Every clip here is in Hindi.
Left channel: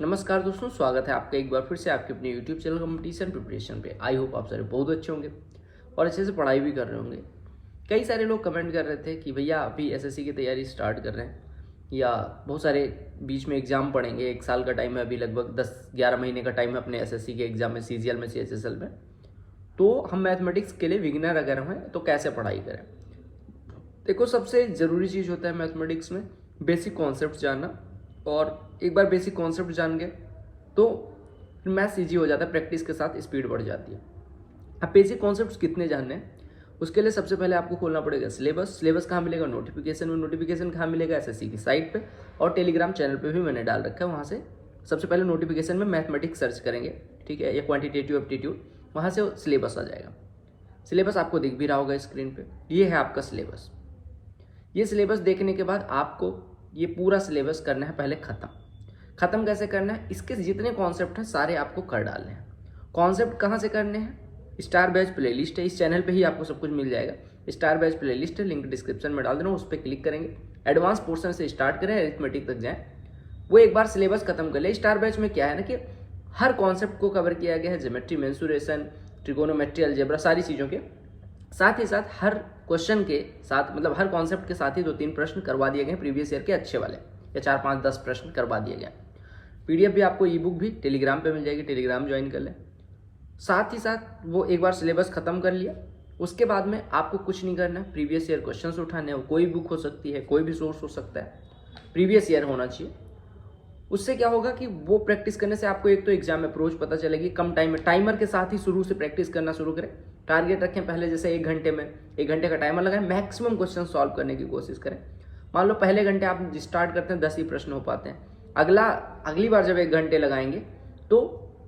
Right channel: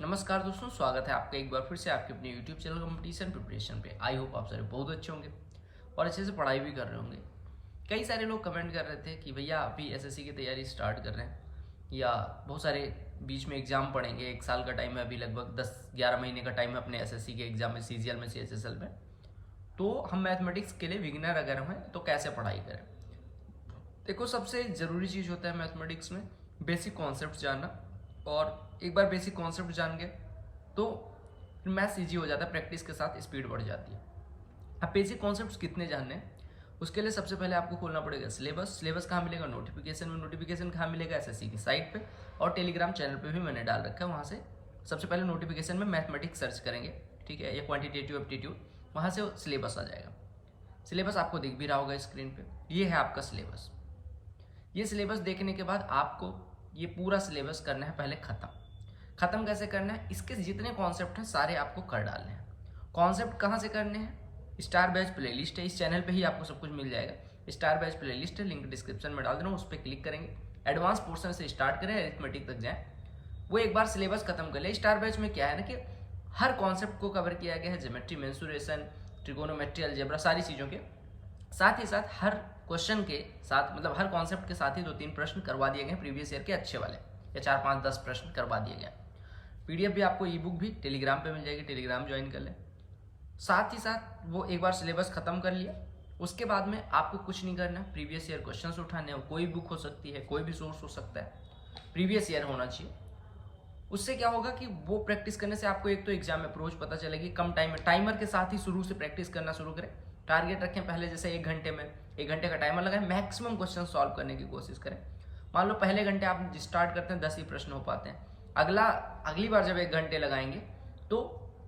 नमस्कार दोस्तों, स्वागत है आपका एक बार फिर से आपके अपने YouTube चैनल कंपटीशन प्रिपरेशन पे। आई होप आप सारे बहुत अच्छे होंगे और अच्छे से पढ़ाई भी कर रहे होंगे। कई सारे लोग कमेंट कर रहे थे कि भैया अभी एसएससी की तैयारी स्टार्ट कर रहे हैं या बहुत सारे बीच में एग्जाम पढ़ेंगे। 1 साल का टाइम है, अभी लगभग 10-11 महीने का टाइम है अपने एसएससी के एग्जाम में, सीजीएल में, सीएचएसएल में। तो हम मैथमेटिक्स के लिए बिगिनर अगर हैं तो कैसे पढ़ाई करें। देखो, सबसे ज़रूरी चीज़ होता है मैथमेटिक्स में बेसिक कॉन्सेप्ट जानना, और एक बार बेसिक कॉन्सेप्ट जान गए तो फिर मैथ्स ईजी हो जाता है, प्रैक्टिस के साथ स्पीड बढ़ जाती है। अब बेसिक कॉन्सेप्ट्स कितने जानने हैं, उसके लिए सबसे पहले आपको खोलना पड़ेगा सिलेबस कहाँ मिलेगा, नोटिफिकेशन में। नोटिफिकेशन कहाँ मिलेगा, एसएससी की साइट पे, और टेलीग्राम चैनल पे भी मैंने डाल रखा है। वहाँ से सबसे पहले नोटिफिकेशन में मैथमेटिक्स सर्च करेंगे, ठीक है, या क्वान्टिटेटिव एप्टीट्यूड, वहाँ से सिलेबस आ जाएगा। सिलेबस आपको दिख भी रहा होगा स्क्रीन पे, ये है आपका सिलेबस। ये सिलेबस देखने के बाद आपको ये पूरा सिलेबस करना है पहले खत्म कैसे करना है, इसके जितने कॉन्सेप्ट हैं सारे आपको कर डालने हैं। कॉन्सेप्ट कहाँ से करने हैं, स्टार बैच प्लेलिस्ट है, इस चैनल पे ही आपको सब कुछ मिल जाएगा। स्टार बैच प्लेलिस्ट है, लिंक डिस्क्रिप्शन में डाल देना, उस पर क्लिक करेंगे। एडवांस पोर्शन से स्टार्ट करें, अरिथमेटिक तक जाएं। वो एक बार सिलेबस खत्म कर ले। स्टार बैच में क्या है ना कि हर कॉन्सेप्ट को कवर किया गया है, ज्योमेट्री, मेंसुरेशन, ट्रिगोनोमेट्री, अलजेब्रा, सारी चीज़ों के साथ ही साथ हर क्वेश्चन के साथ, मतलब हर कॉन्सेप्ट के साथ ही 2-3 प्रश्न करवा दिए गए प्रीवियस ईयर के अच्छे वाले, या 4-5-10 प्रश्न करवा दिए गए। पीडीएफ भी आपको, ई बुक भी टेलीग्राम पे मिल जाएगी, टेलीग्राम ज्वाइन कर लें। साथ ही साथ वो एक बार सिलेबस खत्म कर लिया, उसके बाद में आपको कुछ नहीं करना है, प्रीवियस ईयर क्वेश्चन उठाने हैं। कोई बुक हो सकती है, कोई भी सोर्स हो सकता है, प्रीवियस ईयर होना चाहिए। उससे क्या होगा कि वो प्रैक्टिस करने से आपको एक तो एग्जाम अप्रोच पता चलेगी, कम टाइम में, टाइमर के साथ ही शुरू से प्रैक्टिस करना शुरू करें। टारगेट रखें पहले, जैसे 1 घंटे में, 1 घंटे का टाइमर लगाएं, मैक्सिमम क्वेश्चन सॉल्व करने की कोशिश करें। मान लो पहले घंटे आप स्टार्ट करते हैं, 10 ही प्रश्न हो पाते हैं। अगली बार जब 1 घंटे लगाएंगे तो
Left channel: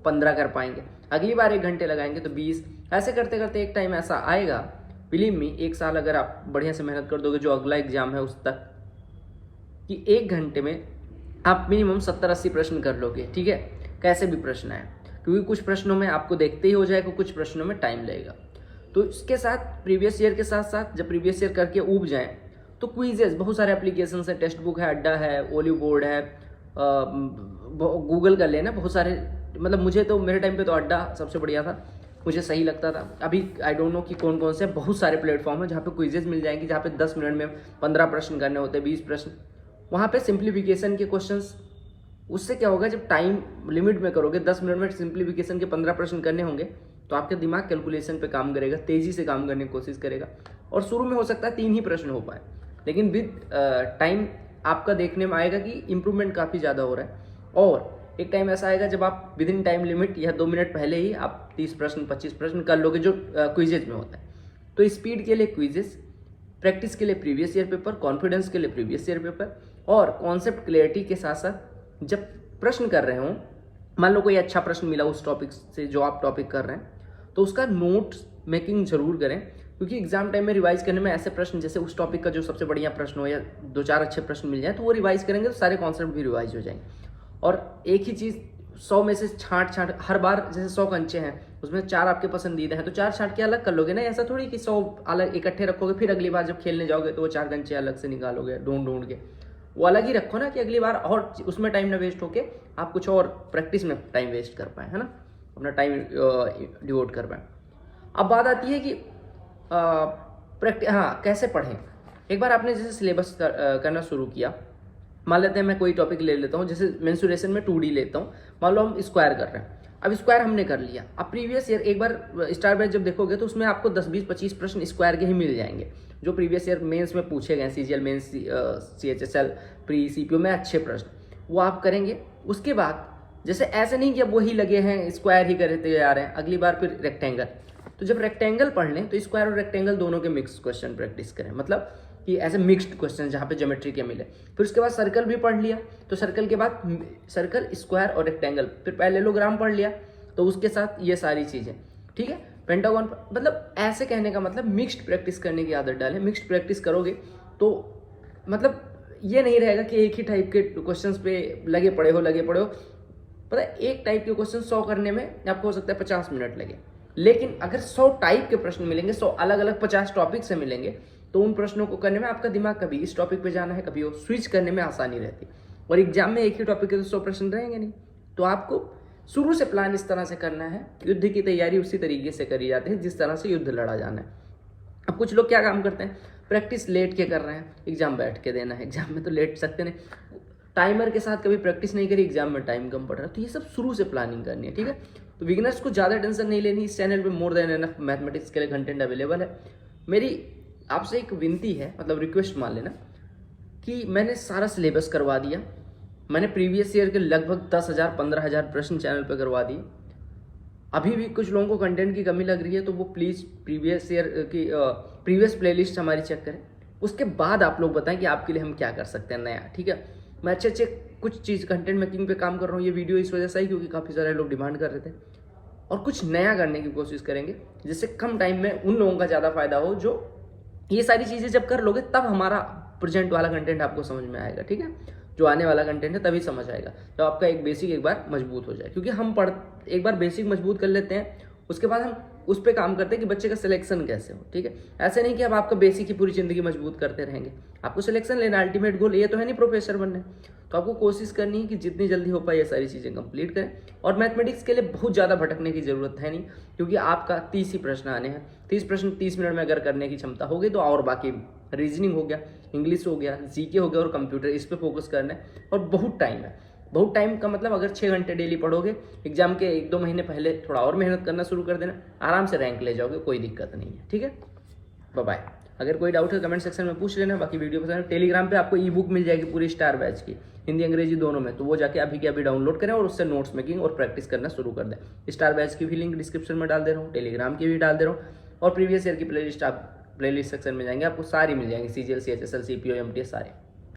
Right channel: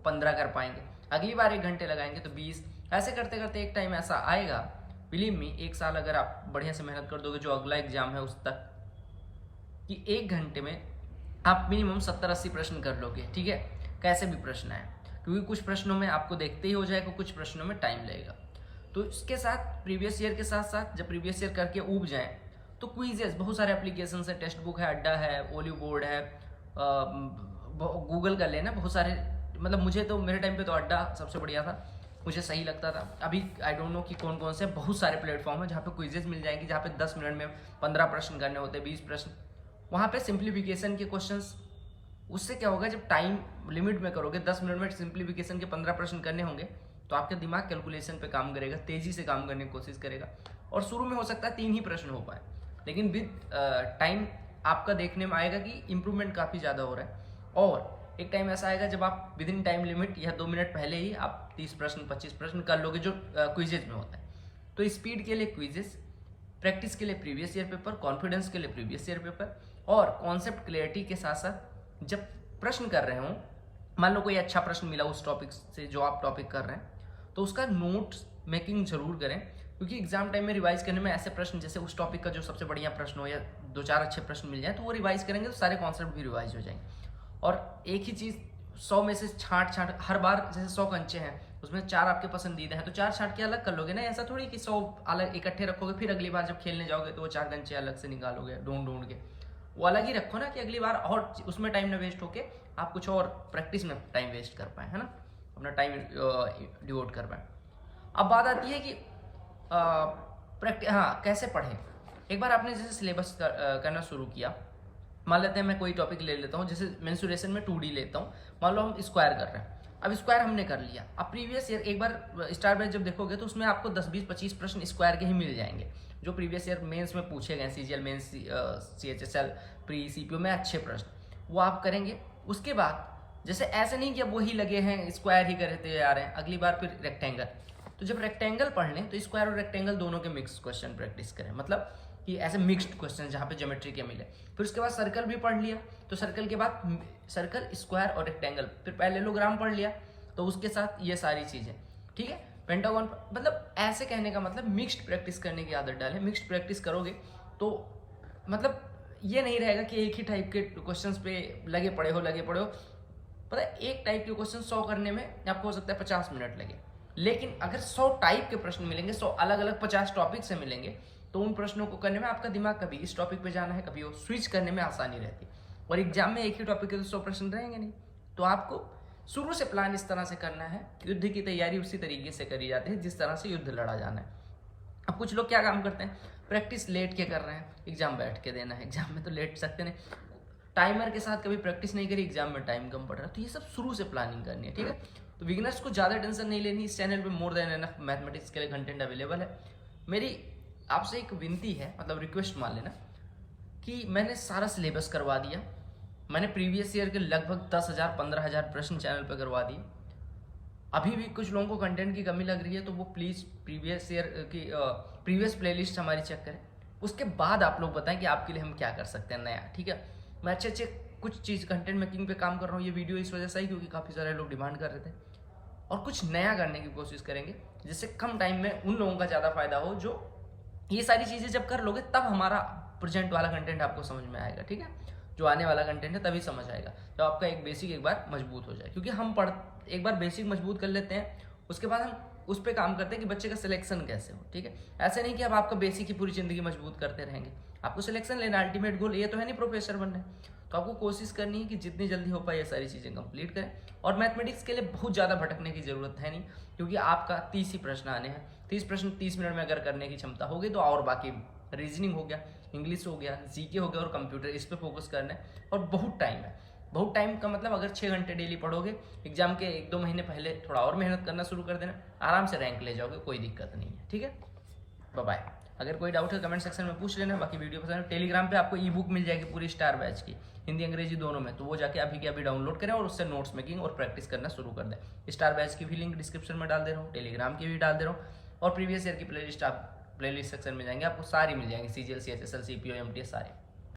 15 कर पाएंगे, अगली बार 1 घंटे लगाएंगे तो 20। ऐसे करते करते एक टाइम ऐसा आएगा, बिलीव मी, 1 साल अगर आप बढ़िया से मेहनत कर दोगे, जो अगला एग्जाम है उस तक, कि 1 घंटे में आप मिनिमम 70-80 प्रश्न कर लोगे, ठीक है, कैसे भी प्रश्न आए। क्योंकि कुछ प्रश्नों में आपको देखते ही हो जाएगा, कुछ प्रश्नों में टाइम लगेगा। तो इसके साथ प्रीवियस ईयर के साथ साथ जब प्रीवियस ईयर करके ऊब जाएं तो क्विजेस, बहुत सारे एप्लीकेशन है, टेक्स्ट बुक है, अड्डा है, ओलिव बोर्ड है, गूगल कर लेना, बहुत सारे। मतलब मुझे तो मेरे टाइम पे तो अड्डा सबसे बढ़िया था, मुझे सही लगता था। अभी आई डोंट नो कि कौन कौन से, बहुत सारे प्लेटफॉर्म है जहाँ पे क्विजेज मिल जाएंगे, जहाँ पे 10 मिनट में 15 प्रश्न करने होते हैं, 20 प्रश्न। वहाँ पे सिंप्लीफिकेशन के क्वेश्चंस, उससे क्या होगा, जब टाइम लिमिट में करोगे, 10 मिनट में सिंप्लीफिकेशन के 15 प्रश्न करने होंगे, तो आपका दिमाग कैलकुलेशन पे काम करेगा, तेजी से काम करने की कोशिश करेगा। और शुरू में हो सकता है 3 ही प्रश्न हो पाए, लेकिन विद टाइम आपका देखने में आएगा कि इंप्रूवमेंट काफ़ी ज़्यादा हो रहा है। और एक टाइम ऐसा आएगा जब आप विद इन टाइम लिमिट या 2 मिनट पहले ही आप 30 प्रश्न 25 प्रश्न कर लोगे, जो क्विजेज में होता है। तो स्पीड के लिए क्विजेज, प्रैक्टिस के लिए प्रीवियस ईयर पेपर, कॉन्फिडेंस के लिए प्रीवियस ईयर पेपर, और कॉन्सेप्ट क्लियरिटी के साथ साथ जब प्रश्न कर रहे हो, मान लो कोई अच्छा प्रश्न मिला उस टॉपिक से जो आप टॉपिक कर रहे हैं, तो उसका नोट्स मेकिंग जरूर करें। क्योंकि एग्जाम टाइम में रिवाइज करने में ऐसे प्रश्न, जैसे उस टॉपिक का जो सबसे बढ़िया प्रश्न हो या 2-4 अच्छे प्रश्न मिल जाए, तो वो रिवाइज करेंगे तो सारे कॉन्सेप्ट भी रिवाइज हो जाएंगे। और एक ही चीज़ 100 में से छांट हर बार, जैसे 100 कंचे हैं, उसमें 4 आपके पसंदीदा हैं, तो 4 छांट के अलग कर लोगे ना। ऐसा थोड़ी कि 100 अलग इकट्ठे रखोगे, फिर अगली बार जब खेलने जाओगे तो वो 4 कंचे अलग से निकालोगे ढूंढ के। वो अलग ही रखो ना, कि अगली बार और उसमें टाइम ना वेस्ट होके आप कुछ और प्रैक्टिस में टाइम वेस्ट कर पाए, है ना, अपना टाइम डिवोट कर पाए। अब बात आती है कि कैसे पढ़ें। एक बार आपने जैसे सिलेबस करना शुरू किया, मान लेते हैं मैं कोई टॉपिक ले लेता हूँ, जैसे मेंसुरेशन में 2D लेता हूँ। मान लो हम स्क्वायर कर रहे हैं, अब स्क्वायर हमने कर लिया। अब प्रीवियस ईयर एक बार स्टार बैच जब देखोगे तो उसमें आपको 10-20-25 प्रश्न स्क्वायर के ही मिल जाएंगे, जो प्रीवियस ईयर मेंस में पूछे गए, CGL mains, CHSL, pre, CPO में अच्छे प्रश्न, वो आप करेंगे। उसके बाद जैसे ऐसे नहीं कि अब वही लगे हैं स्क्वायर ही करते आ रहे हैं, अगली बार फिर रेक्टेंगल। तो जब रेक्टेंगल पढ़ लें तो स्क्वायर और रेक्टेंगल दोनों के मिक्स क्वेश्चन प्रैक्टिस करें, मतलब कि ऐसे मिक्स्ड क्वेश्चन जहाँ पे ज्योमेट्री के मिले। फिर उसके बाद सर्कल भी पढ़ लिया, तो सर्कल के बाद सर्कल, स्क्वायर और रेक्टेंगल, फिर पैरेललोग्राम पढ़ लिया, तो उसके साथ ये सारी चीज़ें, ठीक है, पेंटागन। मतलब ऐसे कहने का मतलब मिक्स्ड प्रैक्टिस करने की आदत डालें। मिक्स्ड प्रैक्टिस करोगे तो मतलब ये नहीं रहेगा कि एक ही टाइप के क्वेश्चंस पे लगे पड़े हो। पता है, एक टाइप के क्वेश्चन 100 करने में आपको हो सकता है 50 मिनट लगे, लेकिन अगर 100 टाइप के प्रश्न मिलेंगे, 100 अलग अलग 50 टॉपिक से मिलेंगे, तो उन प्रश्नों को करने में आपका दिमाग कभी इस टॉपिक पे जाना है, कभी वो स्विच करने में आसानी रहती। और एग्जाम में एक ही टॉपिक के तो 100 प्रश्न रहेंगे नहीं, तो आपको शुरू से प्लान इस तरह से करना है, युद्ध की तैयारी उसी तरीके से करी जाती है जिस तरह से युद्ध लड़ा जाना है। अब कुछ लोग क्या काम करते हैं, प्रैक्टिस लेट के कर रहे हैं, एग्जाम बैठ के देना है, एग्जाम में तो लेट सकते नहीं, टाइमर के साथ कभी प्रैक्टिस नहीं करी, एग्जाम में टाइम कम पड़ रहा है। तो ये सब शुरू से प्लानिंग करनी है, ठीक है। तो बिगिनर्स को ज़्यादा टेंशन नहीं लेनी, इस चैनल पे मोर देन एनफ मैथमेटिक्स के लिए कंटेंट अवेलेबल है। मेरी आपसे एक विनती है, मतलब रिक्वेस्ट मान लेना, कि मैंने सारा सिलेबस करवा दिया, मैंने प्रीवियस ईयर के लगभग 10,000 15,000 प्रश्न चैनल पर करवा दिए। अभी भी कुछ लोगों को कंटेंट की कमी लग रही है तो वो प्लीज़ प्रीवियस ईयर की प्रीवियस प्लेलिस्ट हमारी चेक करें, उसके बाद आप लोग बताएं कि आपके लिए हम क्या कर सकते हैं नया, ठीक है। मैं अच्छे कुछ चीज़ कंटेंट मेकिंग पे काम कर रहा हूँ, ये वीडियो इस वजह से ही क्योंकि काफ़ी सारे लोग डिमांड कर रहे थे, और कुछ नया करने की कोशिश करेंगे जिससे कम टाइम में उन लोगों का ज़्यादा फायदा हो जो ये सारी चीज़ें जब कर लोगे तब हमारा प्रेजेंट वाला कंटेंट आपको समझ में आएगा, ठीक है। जो आने वाला कंटेंट है तभी समझ आएगा जब आपका एक बेसिक एक बार मजबूत हो जाए, क्योंकि हम एक बार बेसिक मजबूत कर लेते हैं, उसके बाद हम उस पर काम करते हैं कि बच्चे का सिलेक्शन कैसे हो, ठीक है। ऐसे नहीं कि अब आपका बेसिक ही पूरी जिंदगी मजबूत करते रहेंगे, आपको सिलेक्शन लेना अल्टीमेट गोल, ये तो है नहीं प्रोफेसर बनना। तो आपको कोशिश करनी है कि जितनी जल्दी हो पाए ये सारी चीज़ें कंप्लीट करें। और मैथमेटिक्स के लिए बहुत ज़्यादा भटकने की जरूरत है नहीं, क्योंकि आपका 30 ही प्रश्न आने हैं, 30 प्रश्न 30 मिनट में अगर करने की क्षमता होगी तो, और बाकी रीजनिंग हो गया, इंग्लिश हो गया, जीके हो गया और कंप्यूटर, इस पर फोकस करना है। और बहुत टाइम है, बहुत टाइम का मतलब अगर 6 घंटे डेली पढ़ोगे, एग्जाम के 1-2 महीने पहले थोड़ा और मेहनत करना शुरू कर देना, आराम से रैंक ले जाओगे, कोई दिक्कत नहीं है, ठीक है। Bye bye. अगर कोई डाउट है कमेंट सेक्शन में पूछ लेना, बाकी वीडियो पसंद है टेलीग्राम पे आपको ई बुक मिल जाएगी पूरी स्टार बैच की, हिंदी अंग्रेजी दोनों में, तो वो जाके अभी के अभी डाउनलोड करें और उससे नोट्स मेकिंग और प्रैक्टिस करना शुरू कर दें। स्टार बैच की भी लिंक डिस्क्रिप्शन में डाल दे रहा हूँ, टेलीग्राम की भी डाल दे रहा हूँ, और प्रीवियस ईयर की प्लेलिस्ट आप प्लेलिस्ट सेक्शन में जाएंगे, आपको सारी मिल जाएंगी, CGL CHSL CPO MTS सारे।